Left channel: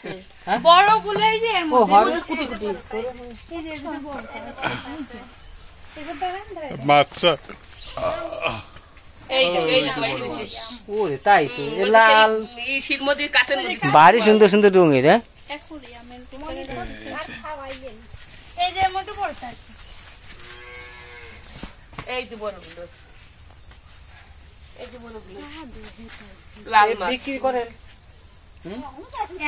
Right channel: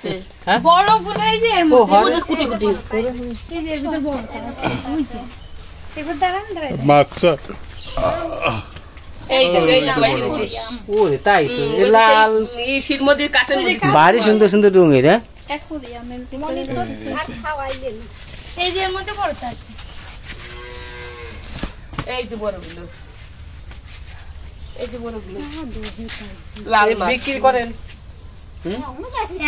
আছে বড় গুলাই যে এর মধ্যে কুটি কুটি এই যে ভিতর বড় আছে এবার দাঁড়ান মাছা এই তো বাইরে দিছি ওরে তাই তো লাল এই শীত মধ্যে কাঁচের মধ্যে ভারী সুন্দর সুন্দর রঙের হ্যাঁ এখনি আমি মনে তো আর খাওয়াই গেল এই যে এর মধ্যে বড়টা আছে এই যে বড়গুলো এই যে বড়গুলো লাল মাছ বিক্রি করেন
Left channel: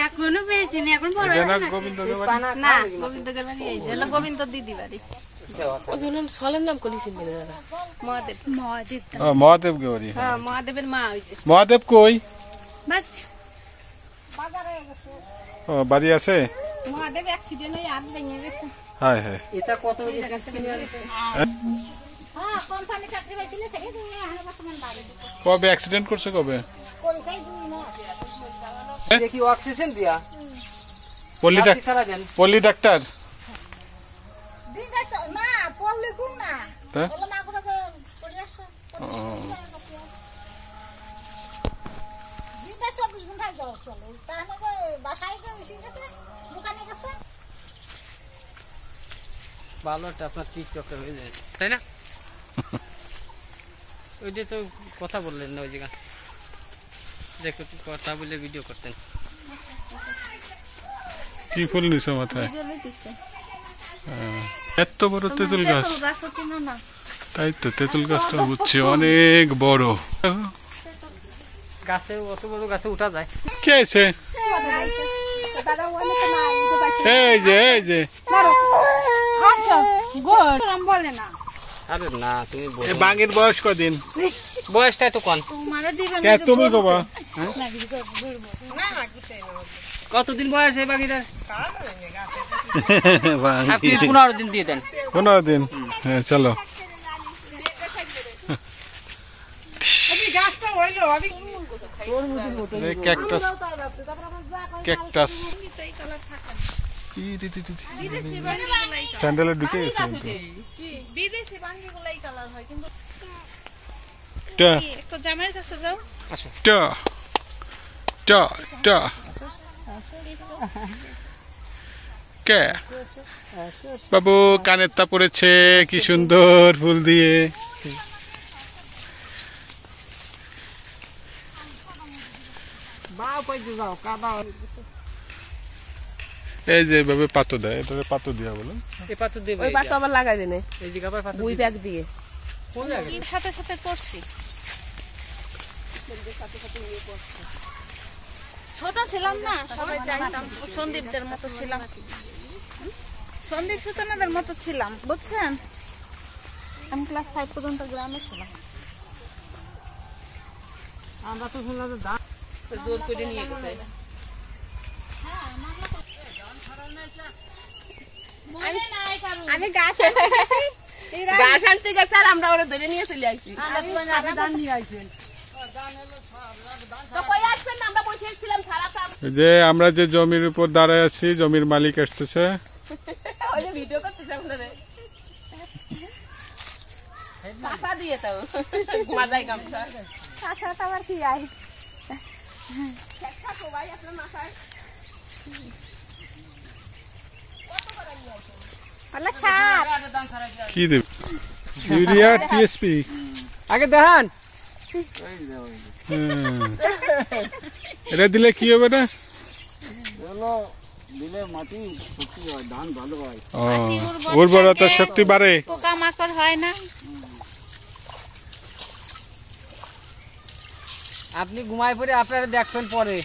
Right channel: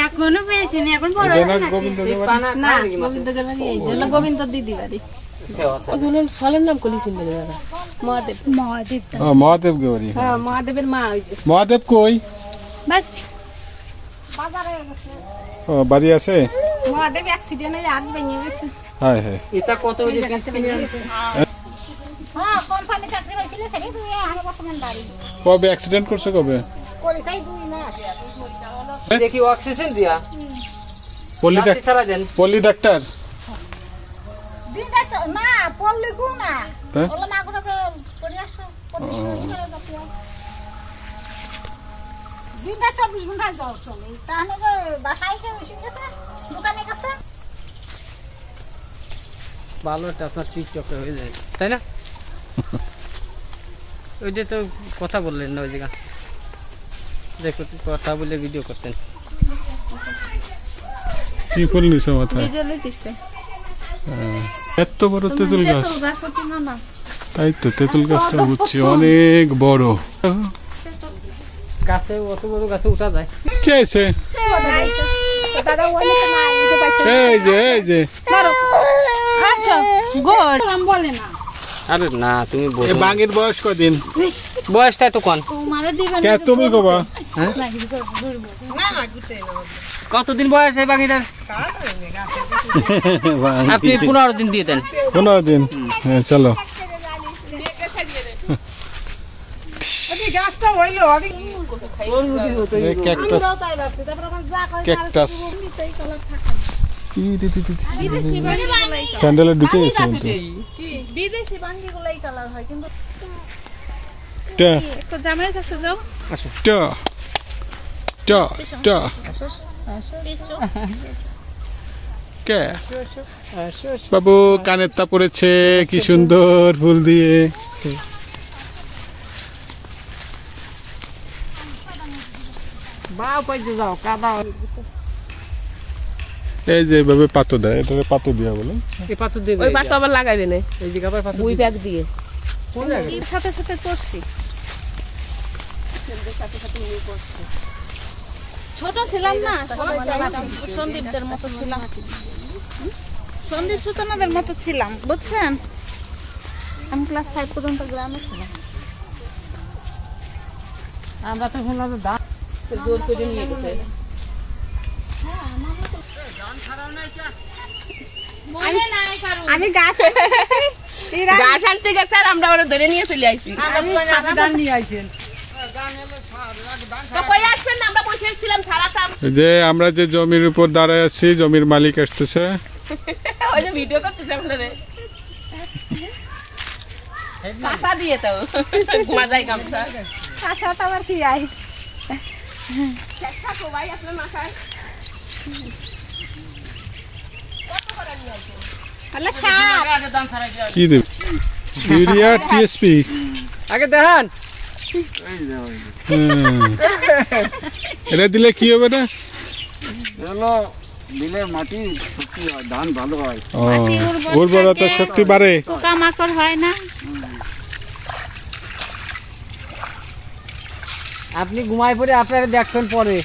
এখনো পেয়েছি না এখন বড় এটা না গোবিন্দদের বাড়ি না গোবিন্দদের বাড়ি এই যে গোবিন্দ দিদি বাড়ি ওজনের সালের নাম কলিছেন বলে দাদা মহাদেব মহাদেব মহাদেব কে বাড়ি হ্যাঁ মহাদেবের মা ওই যে মহাদেব কই বাস ও বাড়ি আছে মহাদেব অ্যাক্সিডেন্টে হাত ভেঙে গেছে হায় হায় এটা কত ওই যে হ্যাঁ কোম্পানি চাকরি পাইছিল সেটাই তুই আরে বর্তমান বাড়ি কবে অ্যাক্সিডেন্ট করছে কবে করেছাই 2 মাস দেখি অক্সিজেন দিয়া পল্লী ডাক্তার দিন যাচ্ছে না পড়লে কো না হ্যাঁ বললাম আগুনে তো পড়ে আসো দিন যাচ্ছে 24 ঘন্টা যাও চলে তাহলে তো বাসায় কেউ এসে গেছে দোকানে গেছে ভালো একটা আপনার টিকটকে হয়ে যায় তাই না ওই যে তো কথা বললেন না ওই জায়গা দেখো কথা বলে ভিডিও করতেন কি ফুল নিছে মাথায় জলে দিছে এত বড় তেঁতুল গাছ তাই তো তেঁতুল গাছটা বুঝছি অনেক বড় গাছে অত বড় গাছে উঠা যায় কে আছে দাদা ওইলে তো না এই যে পাইছে এই যে আচ্ছা গুড আম বলে না আরে না তুমি বলো এ বাঙের বয়স কদিন বয়সটা তো কোন মারা দিবেন কে তুমি কবা কতদিন বয়স এই বাকিটার আপনি 15 দিন দিয়ে দেন 15 দিন হ্যাঁ চলো এই গাছটা হইলো আমি ক্যাকটাস ক্যাকটাস স্যান্ডেলের দিকে গেছে বিদেশি বাঙ্গিগুলাই কালার হয় কিন্তু টা তো জামাইয়ের কাছে যাও টা টা টা কে বাবু কানের তা পড়েছে কি সুন্দর ফুল দিয়ে বাও পাইতে যাও কাদা এই যে ভাবে পাতো দেয় এটারে পাতো দিয়া বলেন এই পাথর দিয়ে ওই পাতা আবার লাগাই দেনে এই জায়গা পায় পাথর দুই ব্যাগ দিয়ে এর সাথে সাথে করছি ছোট ছিলাম না সন্দীপদের মতো ছিলাম সন্দীপ সূচনাদের মতো ছিলাম বুঝছেন আমি ক্লাস 5 পর্যন্ত গ্রামে ছিলাম আমরা তো শুনলাম জোর করে নিয়ে গেছে আমি গাছ গাছ আনতে গেছে আর আমরা ওরা ধরে নিয়ে চলে আইছি তো কই আসছেন না আমরা বসে ছিলাম ছাড়াতাম যে আমরা যে জমির উপর দাঁড়ায় আছি জমির মালিক আসতেছে ওই যে ভিডিও করতেছে আপনারে পাতা দিয়ে তো মাথায় গামছা কাঁচাটা আবার কি আই চেষ্টা ভাই আপনার মাথায় কত করে নিয়ে আসেন আল্লাহ সাপ আগে দান ছাড়াই কি দেব ইউরিয়া টিএসপি আগে দেখেন এটা দিলে কি হবে না হলো দিলে মাটি শক্তি হয় ধান ভালো হয় উর্বরতা শক্তি বাড়ে পোকামাকড় হয় না আপনি ঘুমাই পড়ে আপনারা দেখছেন পরে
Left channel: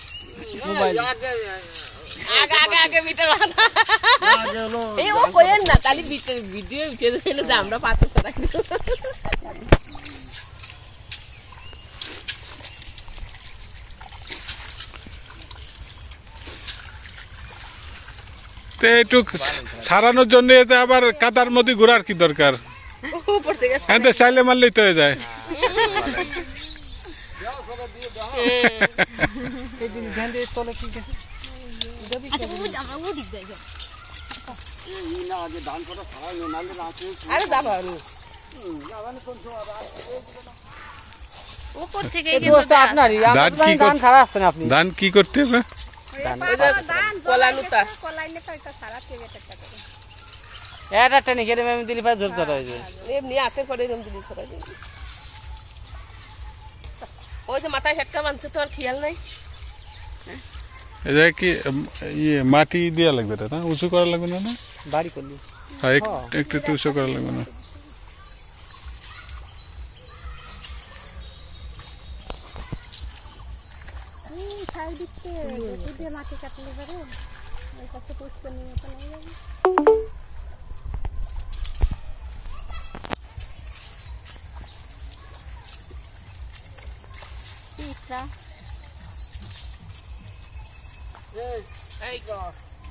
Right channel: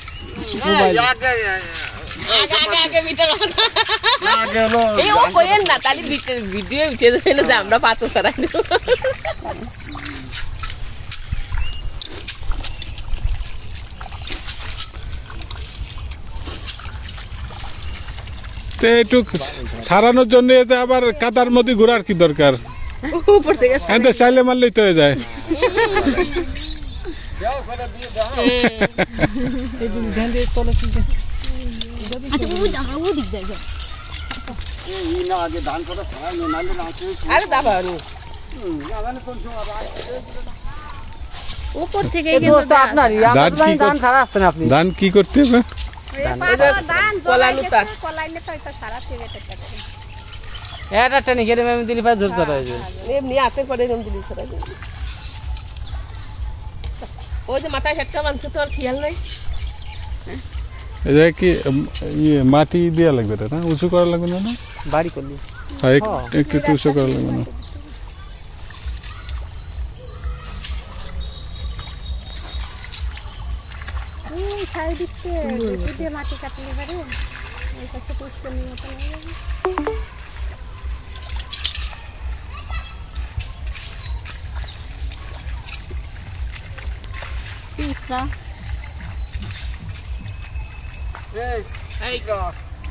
আগে ভিতর এই ও কইেন না তালি ভিডিও উঠে যাবে না যে আমরা পাতা ছাড়াই দেব তে একটু সারানোর জন্য এতে আবার কাদার মধ্যে ঘোরার কি দরকার উপর থেকে এতে চাইলে মারলেই তো হয়ে যায় আচ্ছা ওই আমরা ওই দিক যাই এই না আগে ধান করা ছাড়াই নালে রাতে আরে দাবা জানে কোন সময় উপর থেকে কিন্তু আপনারই ধান কি ধান ছাড়া আসছেন আপনি ধান কি করতে হবে কলানুতা এটা টেনে গেলে আমি দিলি পাই জোর ধরা হয়েছে এমনি হাতে করে এরকম দিলি ছড়াই দিলি ওই যে মাথায় হেডটা বানছে তো আর খেয়াল নাই এটা কি ইয়ে মাটি দেওয়া লাগবে না উঁচু করা লাগবে না বাড়ি করলি হ্যাঁ একটু উঁচু করা লাগবে না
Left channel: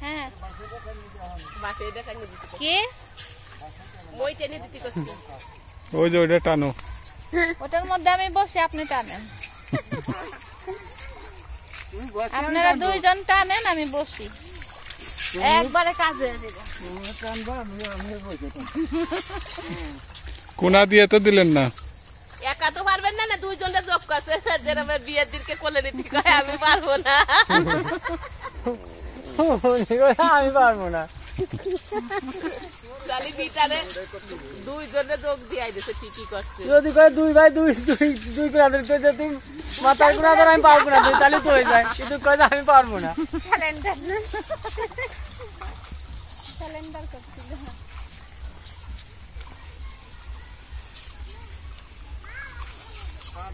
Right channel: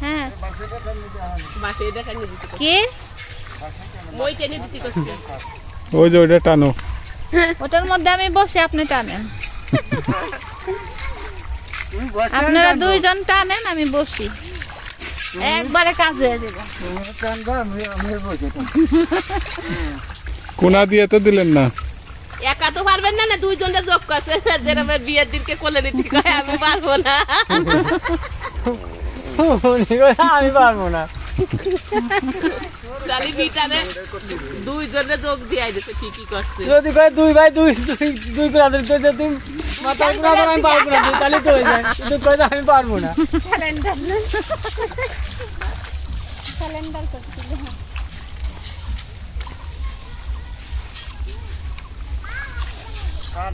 হ্যাঁ মাঠে দেখা নিয়ে দিতে কে মই টেনে দিতে কষ্ট ওই যে ওইটা টানো ওটার মধ্যে আমি বসে আপনি টানেন আপনারা দুইজন টানেন আমি বসি একবারে কাজে হয়ে যাবে কোনা দিয়ে তো দিলেন না একা তো পারবেন না না দুইজনে যোগ করছে যেরকম বিয়ের দিনকে কোলে নিতে কয় আমি পারবো না আমি পারবো না তাহলে বিটারে দুইজনে যোগ দিয়ে দিতে ঠিকই করছে যদি কয় দুই ভাই দুই ব্রাদার তো যদি মাথার ব্রাদার আমি পারবো না তাহলে তো হয়ে যায় কিন্তু তো আমি পারবো না সিলিন্ডার করছিল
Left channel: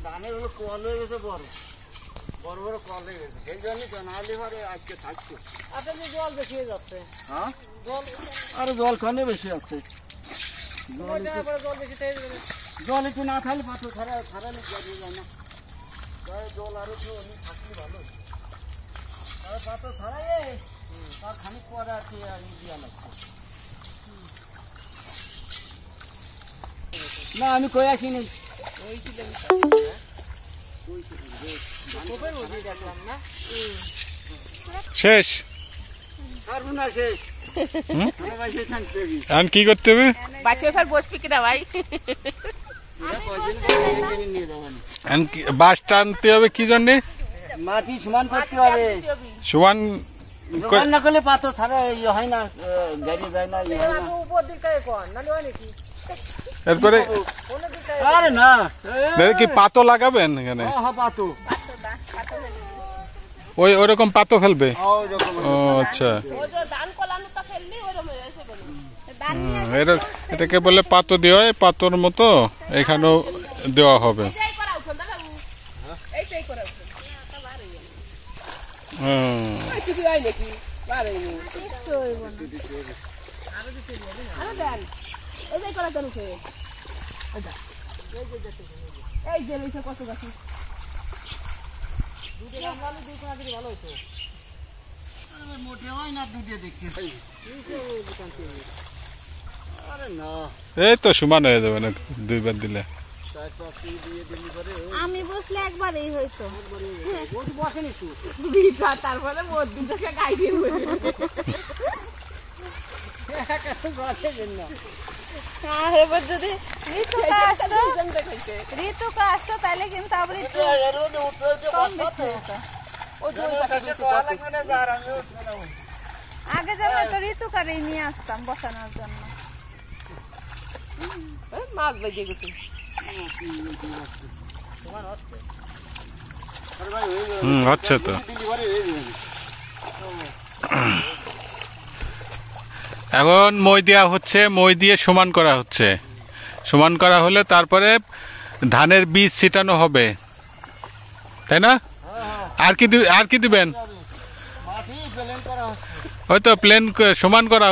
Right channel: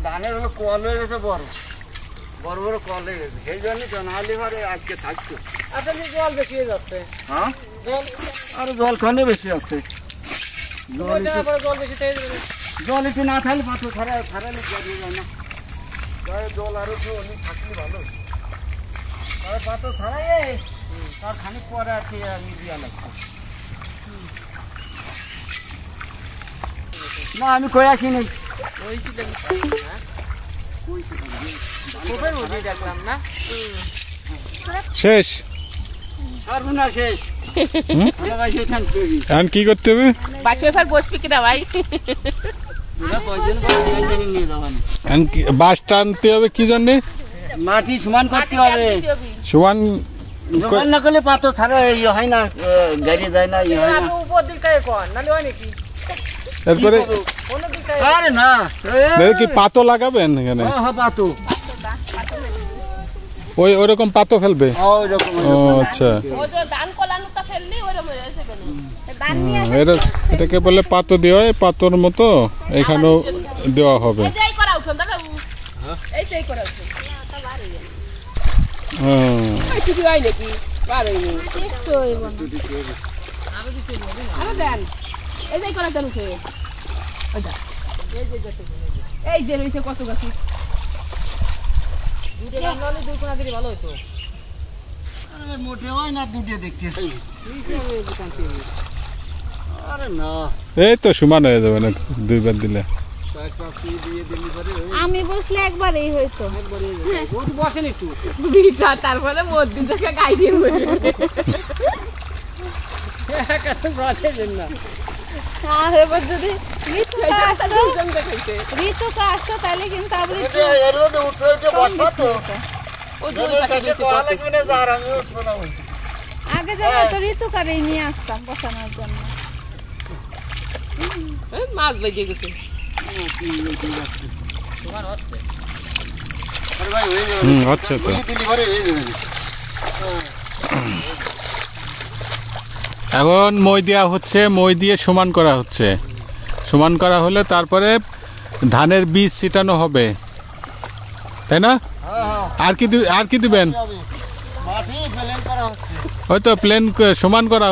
ধানের হলো কল হয়ে গেছে বড় বড় বড় কল হয়ে গেছে সেই জন্যই তো নাহলে পরে আজকে থাকতো আপনাদের জল দেখিয়ে যাচ্ছে হ্যাঁ আর জল খানে বেশি আছে জল একটু না থাকলে পাথর ছাড়ালে জড়িয়ে যায় না জল আরো একটু অনেক থাকলে ভালো আর পাথর ছাড়াই তার খানিক পরে আর কি দিয়া লাগছে না আমি কই আসিনি শেষ আর না শেষ এখন কি করতে হবে বাকি এবার বসবি কিনা ভাই বাস টানতে হবে কি জন্যে মাটি সমান করতে হবে সমান সমান না করলে পাথর ছাড়া ইয়ে হয় না গাড়ি যায় না ইয়ে হয় না এরপরে আরে না কি পাতো লাগাবেন এখানে হ্যাঁ পাতো ওই ওরকম পাতো ফেলবে ওইরকম ও আচ্ছা ও যে ধান কলানুটা ফেললি ওরকম হয়েছে এটাকে বলে পাতো দেওয়া হয় পাতোর মতো এখানেও দেওয়া হবে এই করা উঠুন দাদা এই সেই করা উঠুন এই কিছু হয় নাকি পারেনি একটু হইব না আরে দেন এই যে করা দেন উঠে ওইটা এই যে রয়েছে কত গাছ দুটো গাছ দুই কোনা দিলে ভালো হতো মোটে হয় না দুটো দেখতে আরে না এই তো সমান হয়ে যাবে না দুইবার দিলে আমি বসলে একবারই হইতো বসেন একটু বিটা তারপরে মধ্যে থেকে গাই দিয়ে আর এবার যদি ঋতুকে আসতো তাহলে কিন্তু আবার আগে যাবো তো ঋতুকারেই নিয়ে আসতাম বসানোর জন্য মাছ বেজে গেছে আচ্ছা তো এখন মই দেওয়া হচ্ছে মই দিয়ে সমান করা হচ্ছে সমান করা হলে তারপরে ধানের বীজ ছিটানো হবে তাই না আর কি দিবেন মাটি প্লেন করা হচ্ছে হয়তো প্লেন সমান করা